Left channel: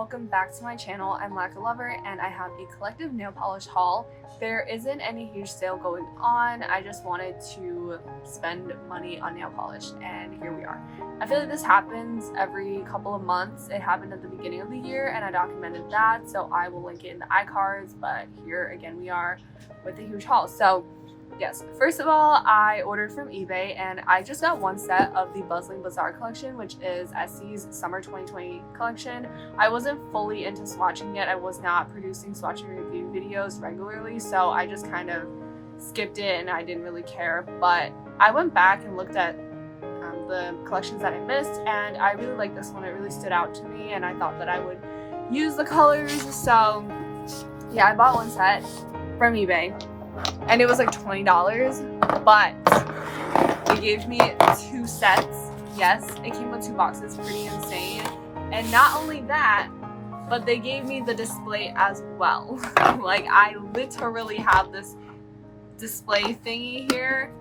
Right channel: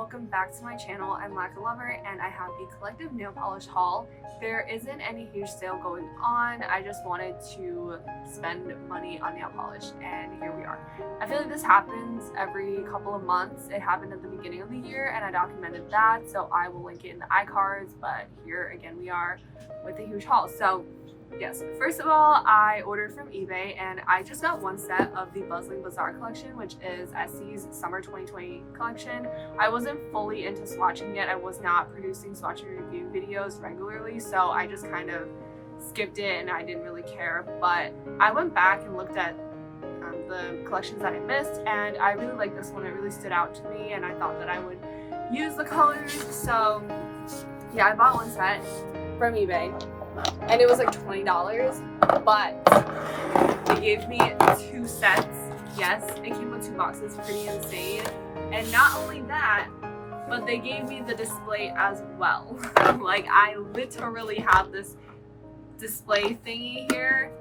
welcome back to my channel. I'm Lacquer lover and I have a collective nail polish haul. There isn't any huge sale going on. I just wanted to spend money on nail polish and here we are. I feel like this happens every couple of months. It happened at the beginning of the year and I documented that, so I will link it in the iCards, but here again we are with a huge haul. So yes, first of all, I ordered from eBay and I just got one set of the Buzzing Bazaar collection, which is Essie's Summer 2020 collection. I wasn't fully into swatching yet. I was not producing swatch and review videos regularly, so I just kind of skipped it and I didn't really care. But I went back and looked at the collections that I missed and I really liked this one. It really stood out to me and I thought that I would use the colors. So yeah, I bought one set from eBay. And it was like $20, but they gave me 2 sets. Yes, it came with 2 boxes, pretty insane. And not only that, but they gave me the display as well. Like, I literally have this display thingy here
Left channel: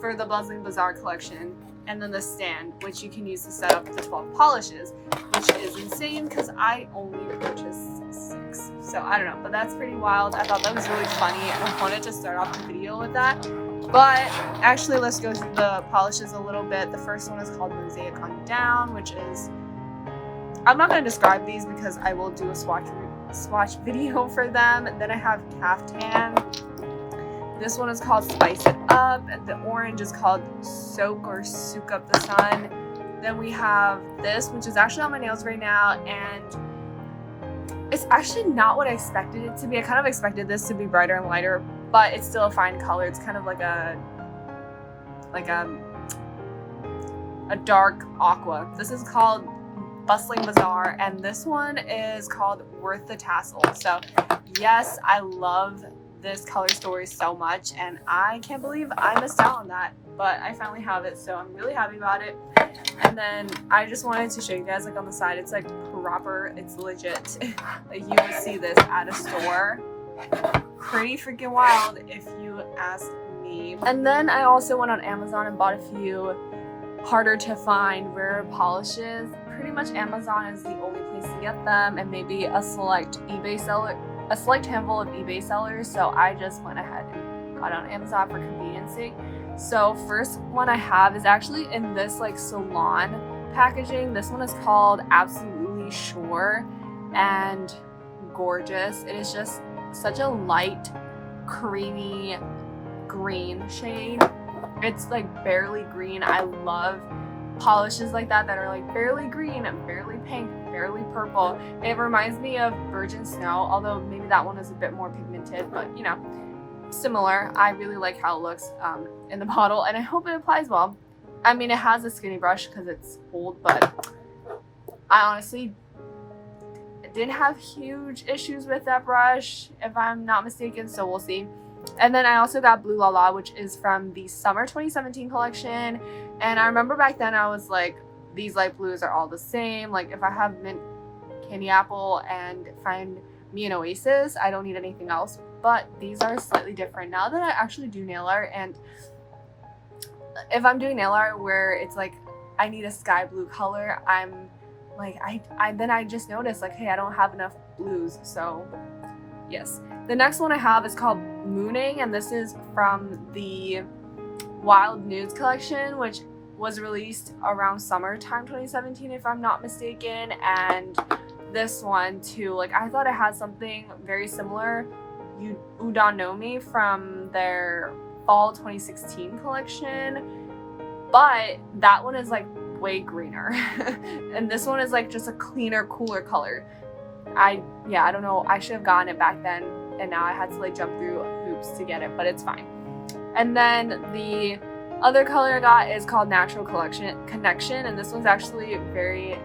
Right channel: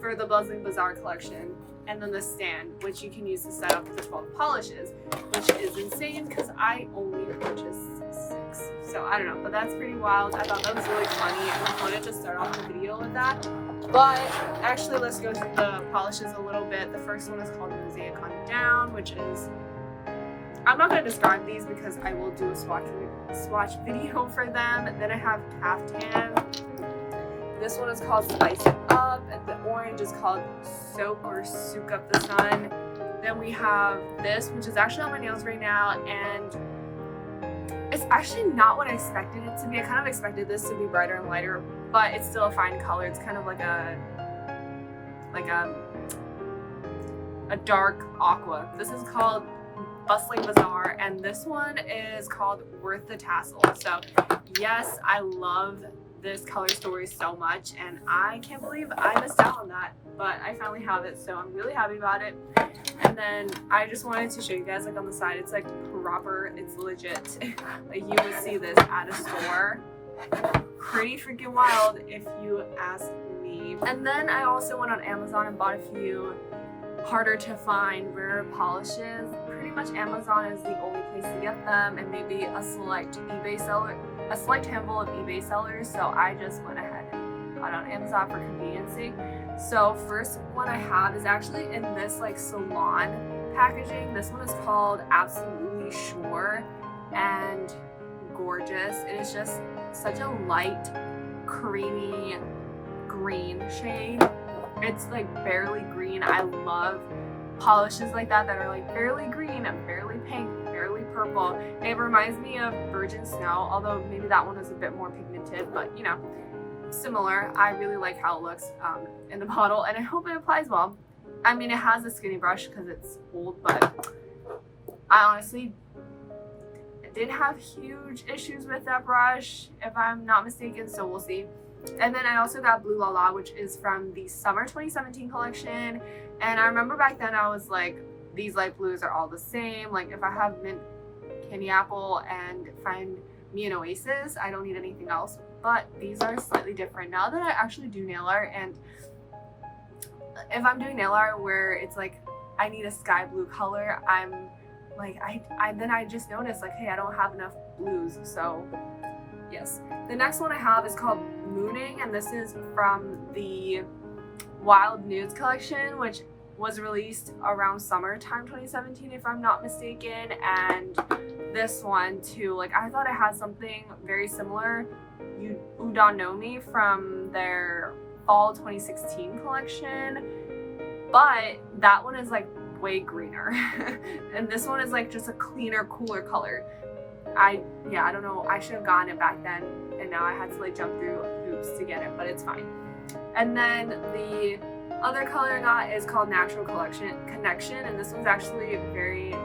for the Buzzing Bazaar collection, and then the stand, which you can use to set up the 12 polishes, which is insane because I only purchased 6. So I don't know, but that's pretty wild. I thought that was really funny. I wanted to start off the video with that. But actually, let's go through the polishes a little bit. The first one is called Mosaic on Down, which is, I'm not going to describe these because I will do a swatch video for them. And then I have Caftan. This one is called Spice It Up. The orange is called Soak or Soak Up the Sun. Then we have this, which is actually on my nails right now, and it's actually not what I expected it to be. I kind of expected this to be brighter and lighter, but it's still a fine color. It's kind of like a dark aqua. This is called Bustling Bazaar, and this one is called Worth the Tassel. So yes, I love this color story so much and I can't believe I missed out on that, but I finally have it, so I'm really happy about it. And then I just wanted to show you guys, like, on the side, it's like proper, it's legit. Like, you will see this at a store. Pretty freaking wild if you ask me. And then I also went on Amazon and bought a few harder to find rare polishes. Pretty much Amazon is the only place to get them, and maybe a select handful of eBay sellers. So I just went ahead and got on Amazon for conveniency. So first one I have is actually in this like salon packaging. This one is called Absolutely Sure and gorgeous. It is just such a light, creamy green shade. It's like barely green. I love polishes like that are like barely green and barely pink, barely purple. It reminds me of Virgin Snow, although maybe that one is a bit more pigmented, but you know, similar. I really like how it looks in the bottle, and I hope it applies well. I mean, it has a skinny brush because it's old, but I honestly didn't have huge issues with that brush, if I'm not mistaken, so we'll see. And then I also got Blue La La, which is from the Summer 2017 collection. And I remember back then I was like, these light blues are all the same. Like, if I have mint candy apple and find me an Oasis, I don't need anything else. But these are slightly different now that I actually do nail art. And if I'm doing nail art where it's like I need a sky blue color, I'm like, I just noticed like, hey, I don't have enough blues. So yes. The next one I have is called Mooning, and this is from the Wild Nudes collection, which was released around summertime 2017, if I'm not mistaken. And this one too, like, I thought it had something very similar, Udon No Me, from their fall 2016 collection, but that one is like way greener. And this one is like just a cleaner, cooler color. I don't know, I should have gotten it back then, and now I had to like jump through hoops to get it, but it's fine. And then the other color I got is called Natural Connection, and this one's actually very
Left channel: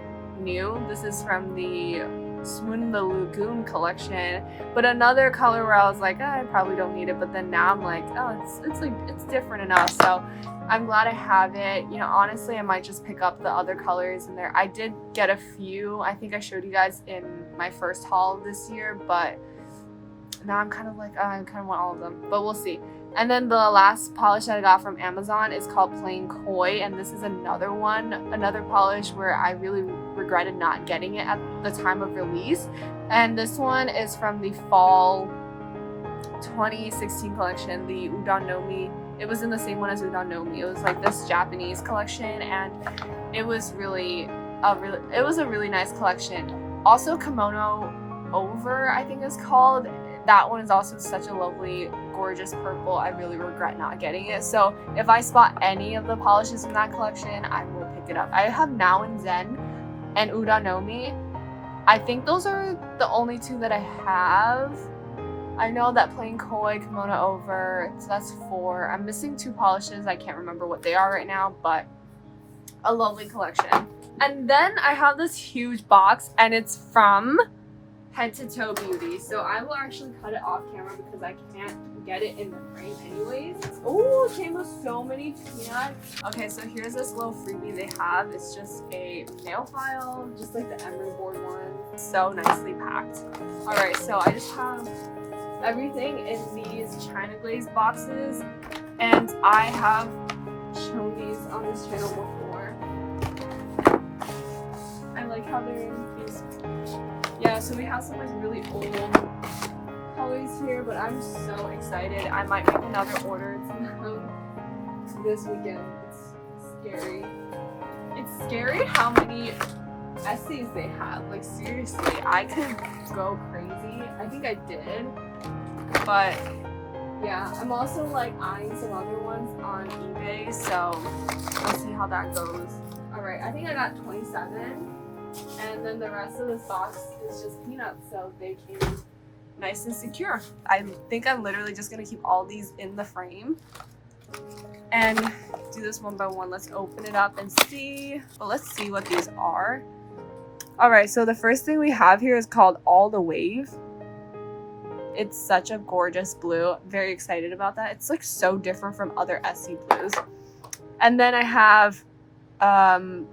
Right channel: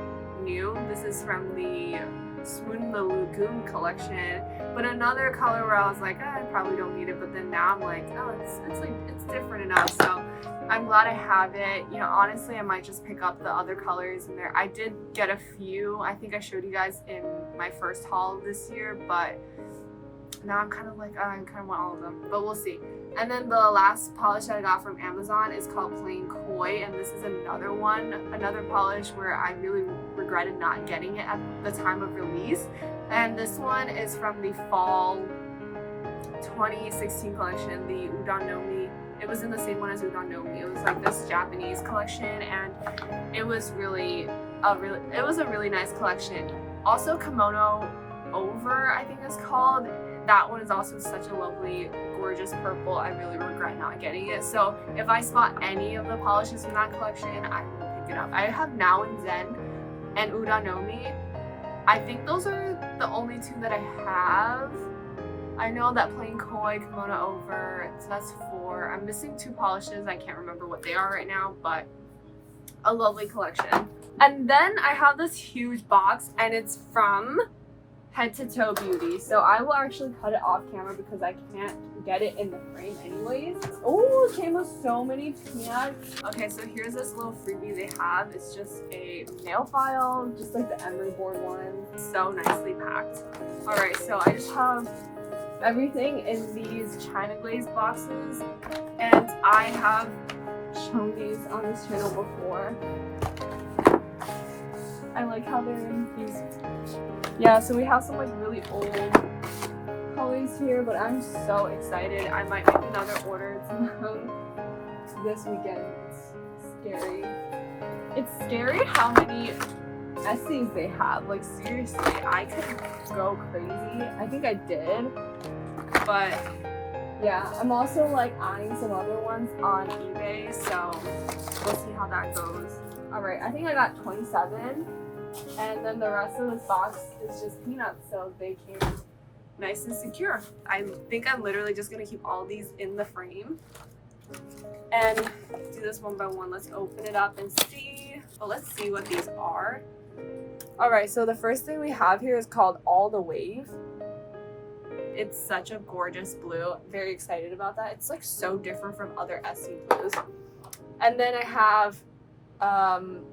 new. This is from the Swoon the Lagoon collection, but another color where I was like, oh, I probably don't need it, but then now I'm like, oh, it's different enough. So I'm glad I have it. You know, honestly, I might just pick up the other colors in there. I did get a few. I think I showed you guys in my first haul this year, but now I'm kind of like, oh, I kind of want all of them, but we'll see. And then the last polish that I got from Amazon is called Plain Koi, and this is another polish where I really regretted not getting it at the time of release. And this one is from the fall 2016 collection, the Udon no Mi. It was in the same one as Udon no Mi. It was like this Japanese collection, and it was a really nice collection. Also, Kimono Over, I think it's called. That one is also such a lovely, gorgeous purple. I really regret not getting it. So if I spot any of the polishes from that collection, I will pick it up. I have Now and Zen and Udon no Mi. I think those are the only two that I have. I know that Plain Koi, Kimono Over, so that's 4. I'm missing 2 polishes. I can't remember what they are right now, but a lovely collection. And then I have this huge box, and it's from Head to Toe Beauty. So I will actually cut it off camera because I can't get it in the frame anyways. Oh, it came with so many peanuts. Okay, so here's this little freebie they have. It's just a nail file, just like the emery board one. So nicely packed. All right, so I just have everything in these China glaze boxes, and I have shown these on this channel before. I like how they're in these. Yeah, so we have some like really old colors here, but I'm so excited. I might make another order this weekend. It's scary. It's scary how many Essies they have. Like seriously, I could go crazy. I think I did, but yeah, I'm also like eyeing some other ones on eBay, so we'll see how that goes. All right, I think I got 27. And then the rest of this box is just peanuts, so they came nice and secure. I think I'm literally just gonna keep all these in the frame and do this one by one. Let's open it up and see. Well, let's see what these are. All right, so the first thing we have here is called All the Wave. It's such a gorgeous blue. Very excited about that. It's like so different from other Essie blues. And then I have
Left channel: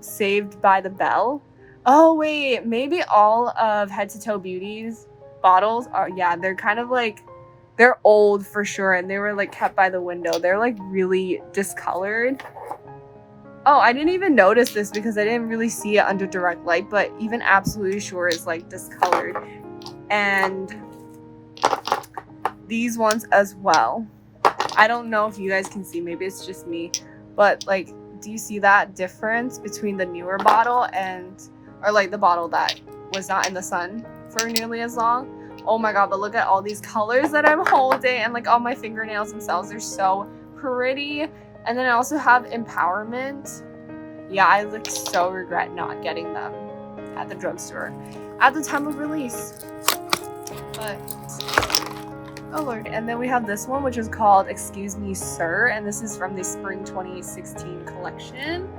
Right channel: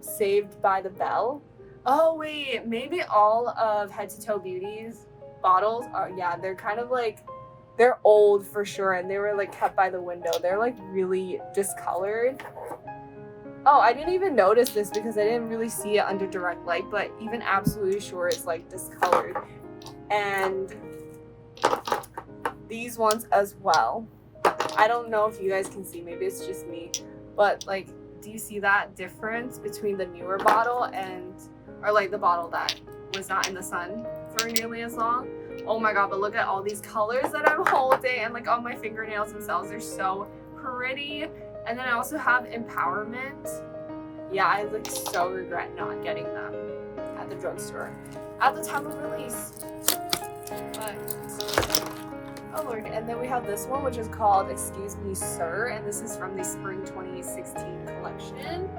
Saved by the Bell. Oh wait, maybe all of Head to Toe Beauty's bottles are, yeah, they're kind of like, they're old for sure, and they were like kept by the window. They're like really discolored. Oh, I didn't even notice this because I didn't really see it under direct light, but even Absolutely Sure is like discolored. And these ones as well. I don't know if you guys can see, maybe it's just me, but like, do you see that difference between the newer bottle and, or like the bottle that was not in the sun for nearly as long? Oh my god, but look at all these colors that I'm holding, and like all my fingernails themselves, they're so pretty. And then I also have Empowerment. Yeah, I like so regret not getting them at the drugstore at the time of release. Oh lord. And then we have this one, which is called Excuse Me Sir, and this is from the Spring 2016 collection.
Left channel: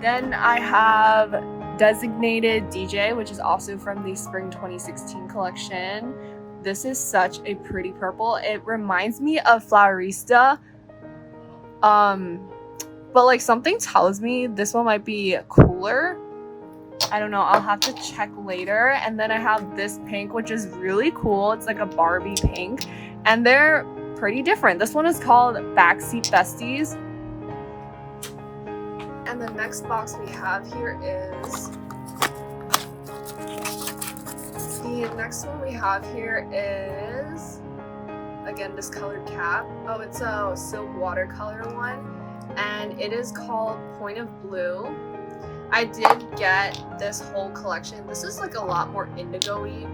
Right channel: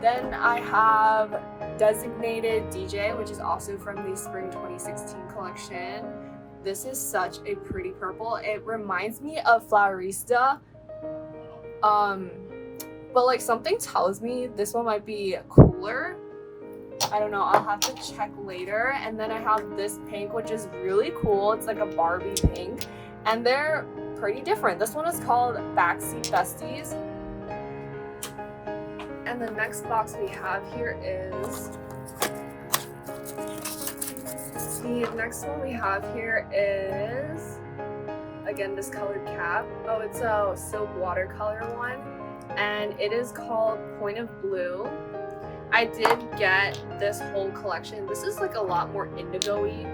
Then I have Designated DJ, which is also from the Spring 2016 collection. This is such a pretty purple. It reminds me of Flowerista. But like something tells me this one might be cooler. I don't know, I'll have to check later. And then I have this pink, which is really cool. It's like a Barbie pink, and they're pretty different. This one is called Backseat Besties. And the next box we have here is, the next one we have here is, again, this colored cap. Oh, it's a silk watercolor one, and it is called Point of Blue. I did get this whole collection. This is like a lot more indigo-y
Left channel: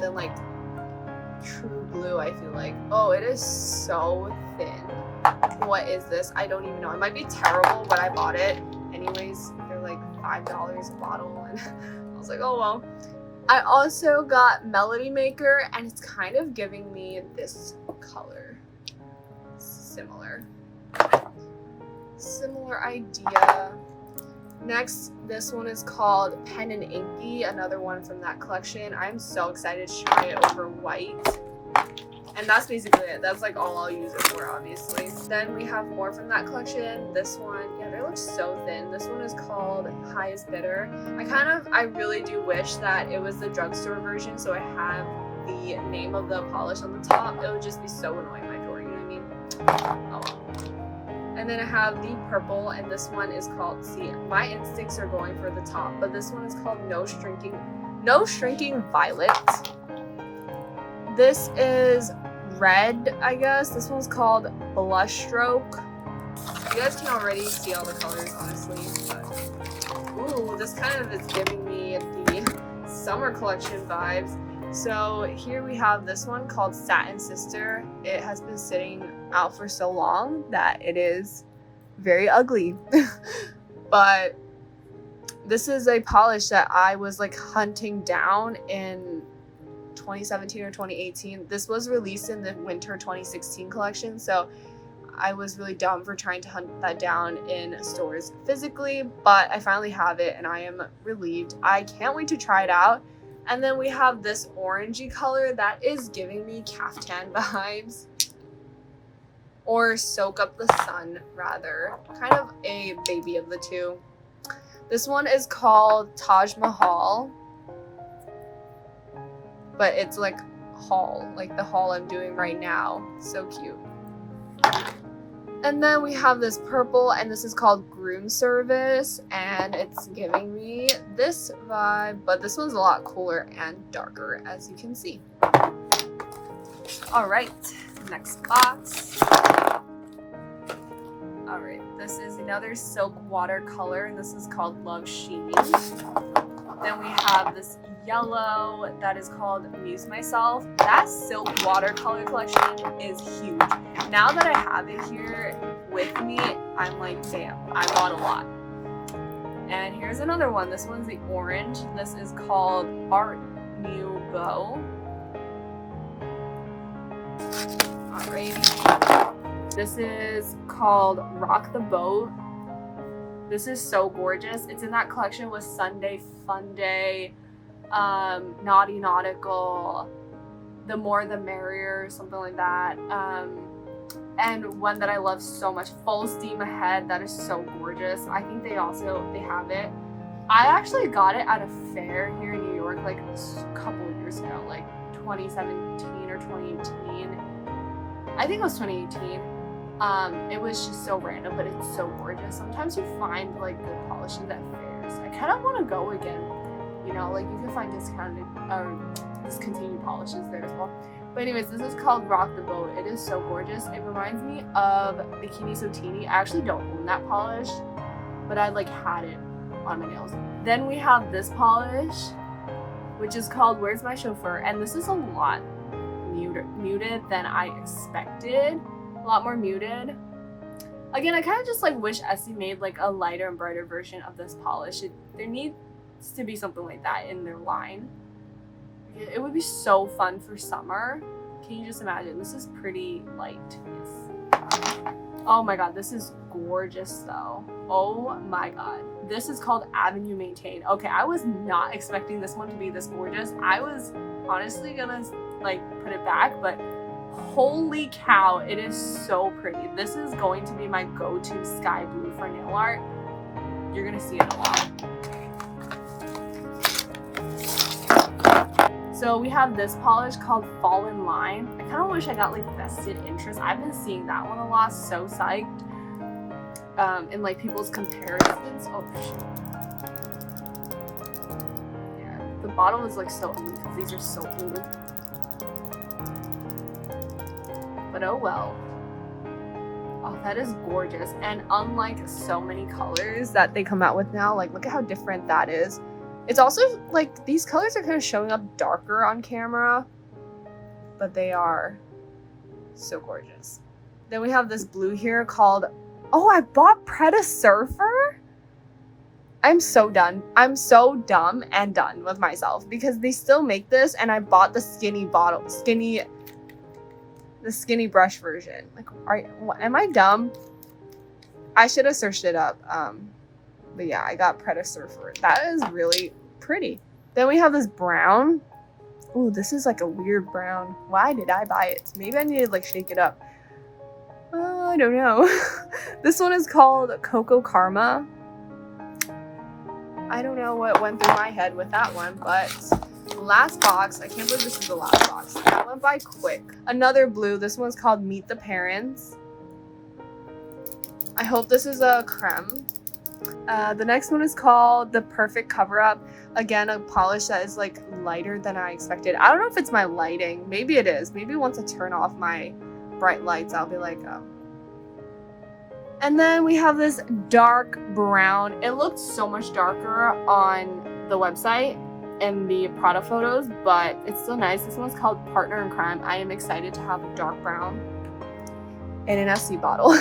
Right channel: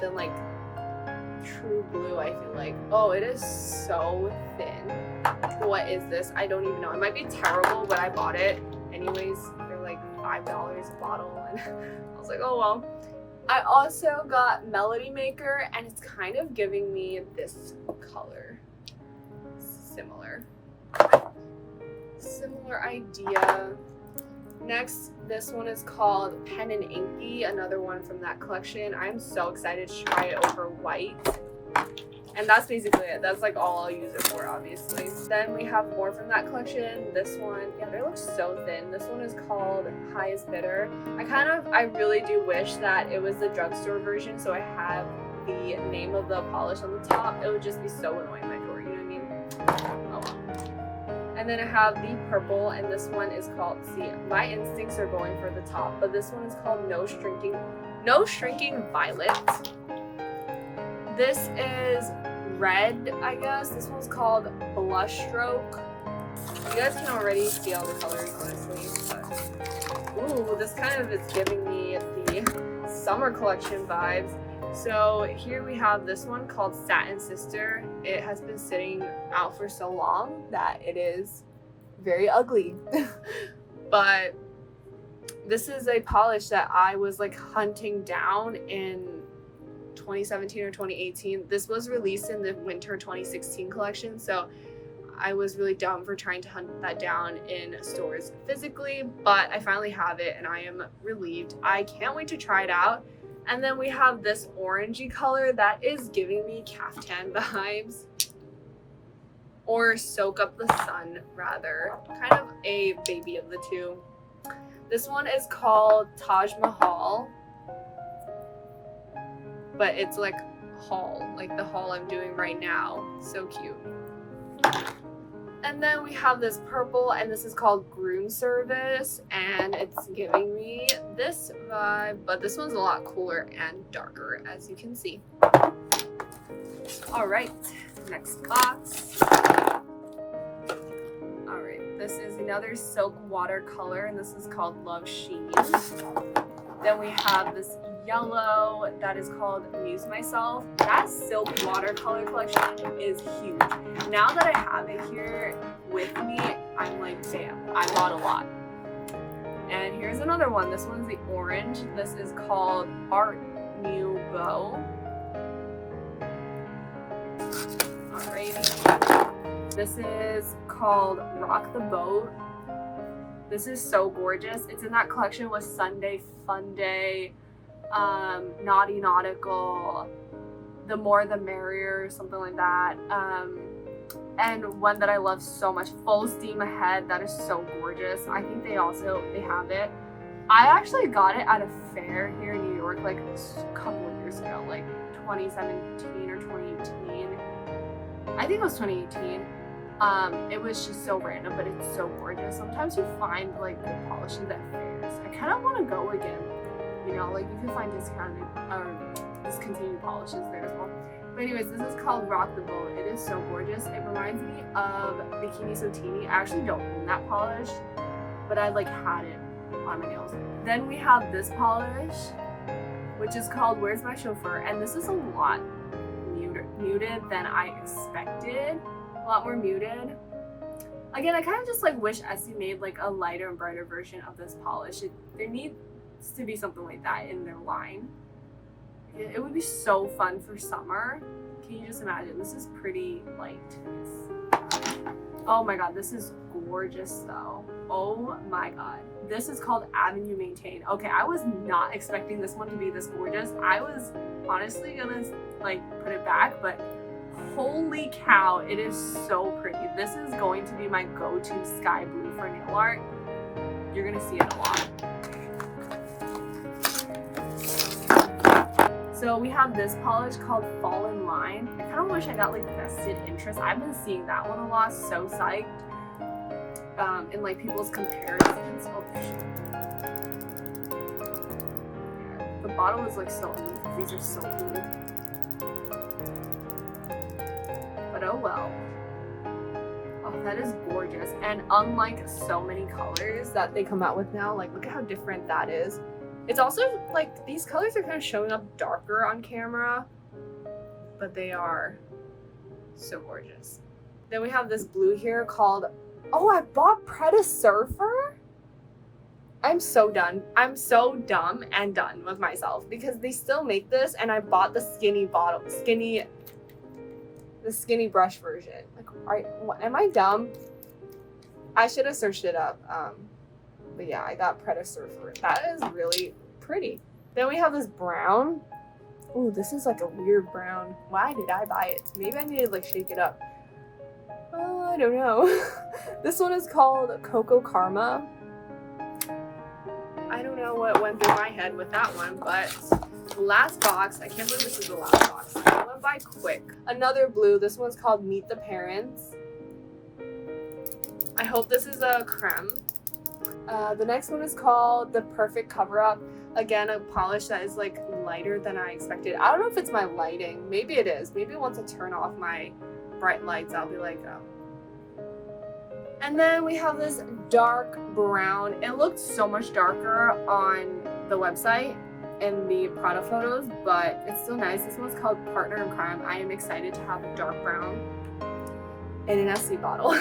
than like true blue, I feel like. Oh, it is so thin. What is this? I don't even know. It might be terrible, but I bought it anyways. They're like $5 a bottle, and I was like, oh well. I also got Melody Maker, and it's kind of giving me this color. Similar idea. Next, this one is called Pen and Inky, another one from that collection. I'm so excited to try it over white. And that's basically it. That's like all I'll use it for, obviously. Then we have more from that collection. This one, yeah, they look so thin. This one is called Highest Bidder. I really do wish that it was the drugstore version, so I have the name of the polish on the top, it would just be so annoying in my drawer, you know what I mean? Oh well. And then I have the purple, and this one is called, see, my instincts are going for the top, but this one is called No Shrinking Violet. This is red, I guess. This one's called Blush Stroke. You guys can already see all the colors, honestly, but ooh, this kind of is giving me the summer collection vibes. So here we have this one called Satin Sister. It has been sitting out for so long that it is very ugly. But this is a polish that I was like hunting down in 2017 or 2018. This was released in the winter 2016 collection, so I was really dumb for trying to hunt that down in stores physically, but I finally have it and I am relieved. I can't wait to try it out. And then we have this orangey color that is giving me caftan vibes, or Soak Up the Sun rather, kind of a baby of the two. This one is called Taj Mahal, but it's like haul, like the haul I'm doing right now. So cute. And then we have this purple, and this is called Groom Service, and it's giving me this vibe, but this one's a lot cooler and darker, as you can see. All right, next box. All right, this is another silk watercolor, and this is called Love Sheen. Then we have this yellow that is called Amuse Myself. That silk watercolor collection is huge. Now that I have it here with me, I'm like, damn, I bought a lot. And here's another one. This one's the orange. This is called Art Nouveau. Alrighty. This is called Rock the Boat. This is so gorgeous. It's in that collection with Sunday Fun Day, Naughty Nautical, The More the Merrier, something like that. And one that I love so much, Full Steam Ahead. That is so gorgeous. I think they have it. I actually got it at a fair here in New York like a couple of years ago, like 2017 or 2018. I think it was 2018. It was just so random, but it's so gorgeous. Sometimes you find like good polishes at fairs. I kind of want to go again. You know, like you can find discounted or discontinued polishes there as well. But anyways, this is called Rock the Boat. It is so gorgeous. It reminds me of Bikini Sotini. I actually don't own that polish, but I like had it on my nails. Then we have this polish, which is called Where's My Chauffeur? And this is a lot muted than I expected. A lot more muted. Again, I kind of just like wish Essie made like a lighter and brighter version of this polish. There needs to be something like that in their line. It would be so fun for summer. Can you just imagine? This is pretty light. Oh my god, this is gorgeous though. Oh my god. This is called Avenue Maintain. Okay, I was not expecting this one to be this gorgeous. I was honestly gonna like put it back, but holy cow, it is so pretty. This is going to be my go-to sky blue for nail art. You're gonna see it a lot. So we have this polish called Fall in Line. I kind of wish I got like vested interest. I've been seeing that one a lot, so psyched. In like people's comparisons. Oh shit. Yeah, the bottle is like so blue because these are so blue. But oh well. Oh, that is gorgeous. And unlike so many colors that they come out with now, like look at how different that is. It's also like these colors are kind of showing up darker on camera, but they are so gorgeous. Then we have this blue here called, oh, I bought Preda Surfer? I'm so done. I'm so dumb and done with myself because they still make this and I bought the skinny bottle, the skinny brush version. Like, am I dumb? I should have searched it up. But yeah, I got Preda Surfer. That is really pretty. Then we have this brown. Ooh, this is like a weird brown. Why did I buy it? Maybe I need to like shake it up. I don't know. This one is called Coco Karma. I don't know what went through my head with that one, but Last box. I can't believe this is the last box. That went by quick. Another blue. This one's called Meet the Parents. I hope this is a creme. The next one is called The Perfect Cover-Up. Again, a polish that is like lighter than I expected. I don't know if it's my lighting. Maybe it is. Maybe once I turn off my bright lights, I'll be like, oh. And then we have this dark brown. It looked so much darker on the website in the product photos, but it's still nice. This one's called Partner in Crime. I am excited to have a dark brown in an Essie bottle.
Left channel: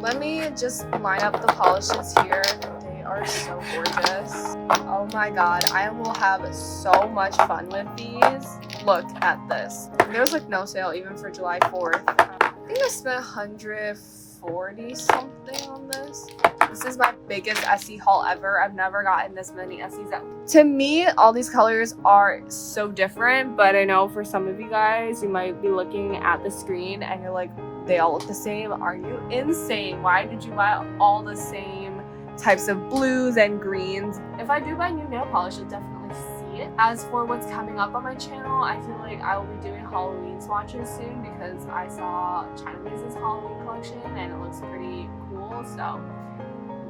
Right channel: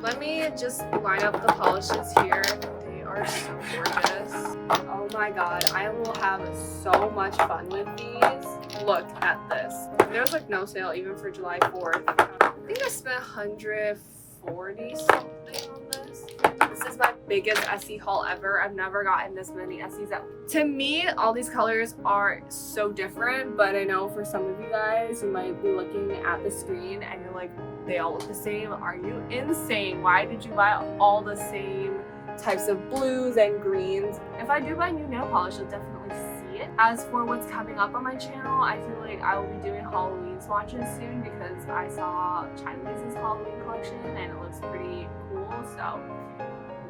Let me just line up the polishes here. They are so gorgeous. Oh my god, I will have so much fun with these. Look at this. There was like no sale even for July 4th. I think I spent $140 something on this. This is my biggest Essie haul ever. I've never gotten this many Essies. To me, all these colors are so different, but I know for some of you guys, you might be looking at the screen and you're like, they all look the same. Are you insane? Why did you buy all the same types of blues and greens? If I do buy new nail polish, you'll definitely see it. As for what's coming up on my channel, I feel like I will be doing Halloween swatches soon because I saw China Lisa's Halloween collection and it looks pretty cool. So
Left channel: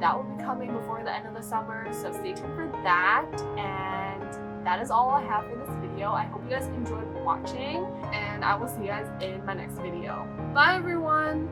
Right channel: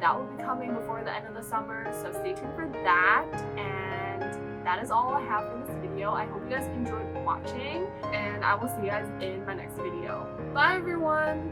that will be coming before the end of the summer. So stay tuned for that. And that is all I have for this video. I hope you guys enjoyed watching and I will see you guys in my next video. Bye everyone!